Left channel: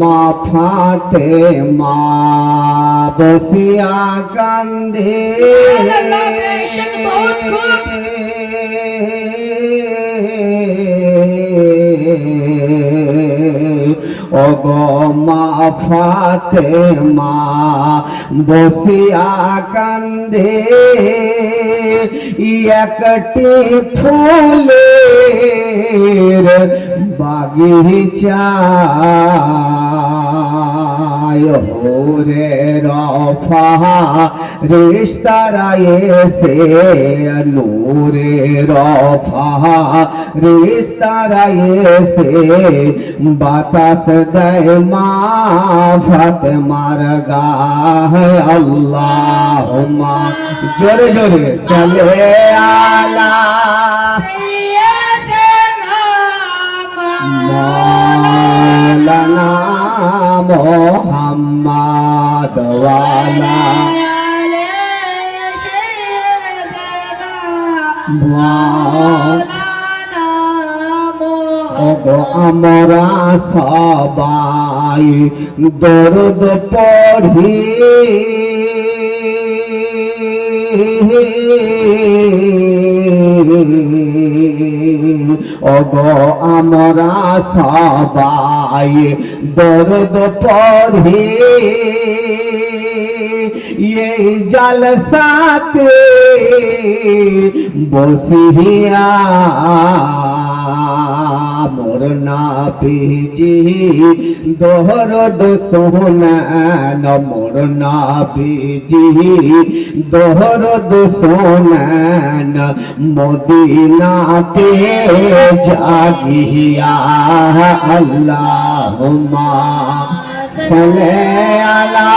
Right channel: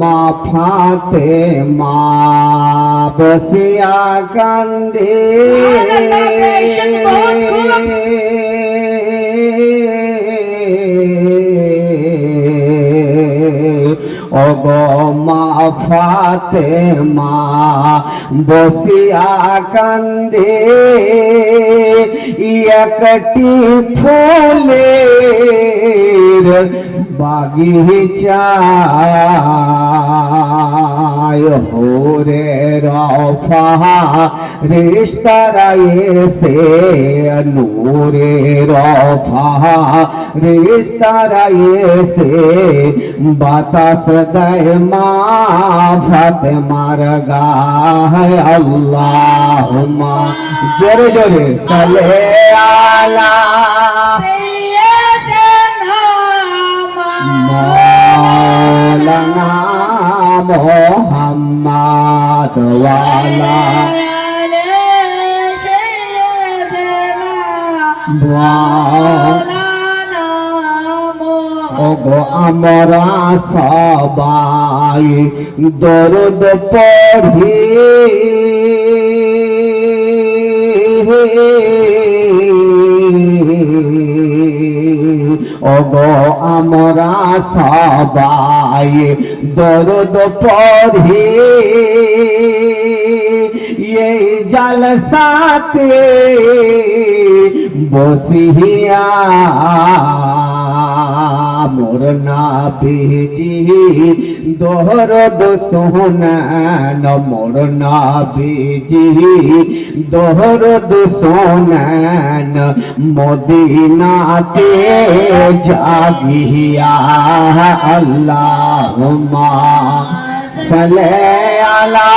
মা ফাতেমা বসিয়া কান্দে মা ফাতেমা বসিয়া কান্দে একটি ফুলের বাগিচায় হোরে রফা রিস্তারা এসে নূরে রফা রিস্তারা এসে বাতাস দেয় মা ফাতেমার গায়ে আল্লাহুম্মা জোরে জোরে সালে আলা মৌলানা মুহাম্মদ ওয়ালা আমরা সবাই দরুদ পড়ি আমরা সবাই দরুদ পড়ি এই জলসাতে বসিয়া মোর নবীজি দরুদ শোনান মোর নবীজি দরুদ শোনান মদিনাতে জাগিয়া আল্লাহুম্মা সাল্লি আলা